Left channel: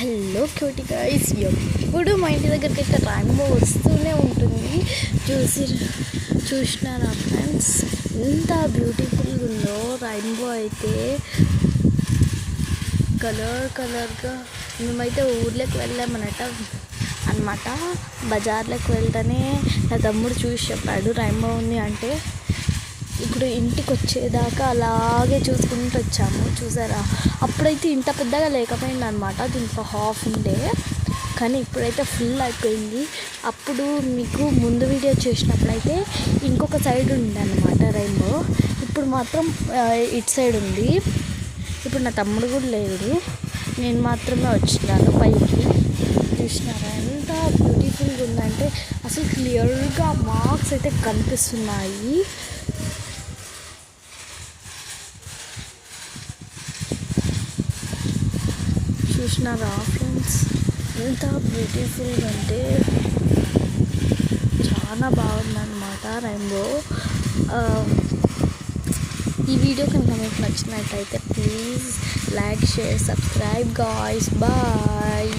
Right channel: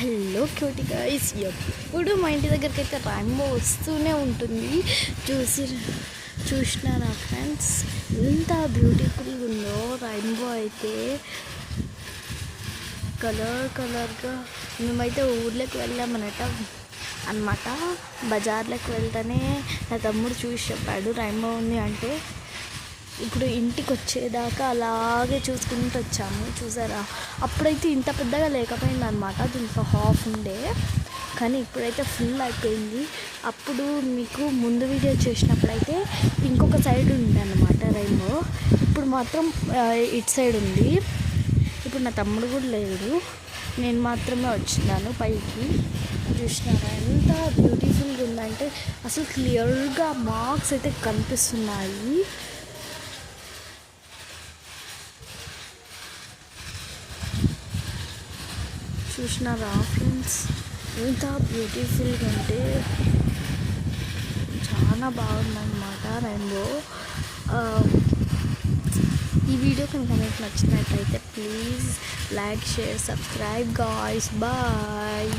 Hello cutie guys, ఎప్పుడు మా ఇంటి దగ్గరికి అయితే రైన్బో వస్తూనే ఉంటుంది. చూసినారా ఫ్రెండ్స్, ఎంత బ్యూటిఫుల్గా ఉందో రైన్బో అయితే. కలర్గా మేమైతే ఊర్లోకి వెళ్ళామన్నమాట. బజార్లోకి వెళ్తేనే నా తమ్ముడు చూసి చెప్పాడు రైన్బో ఉంది అంటే. ఇప్పుడు ఇంటికి వచ్చేదాకా అలాగే చూసుకుంటూ వచ్చాము. చూసారా, అప్పుడైతే ఇంత పెద్దగా లేకపోయింది అనమాట, దీంట్లో హాఫ్ ఉండే, కానీ ఇప్పుడైతే ఫుల్ అయిపోయింది. అప్పుడు మీకు ముందు వీడియో చేసినప్పుడైతే ఇంకొక సైడ్ ఉండే అనమాట రైన్బో, ఇప్పుడు మాత్రం ఇటు సైడ్ ఉంది. ఇప్పుడు నా తమ్ముడు కూడా లేడు, నేను మాత్రమే వచ్చినాను పైకి. చూసినారా ఎంత బ్యూటిఫుల్గా ఉందంటే, అసలు క్లియర్గా మార్క్స్ అయితే కనిపిస్తున్నాయి. చూసినారా ఫ్రెండ్స్, ఎంత బ్యూటిఫుల్గా అంటే చాలా బాగుందన్నమాట రైన్బో. ఈ వీడియో కనుక మీకు నచ్చినట్టయితే please like, share, subscribe guys. Bye.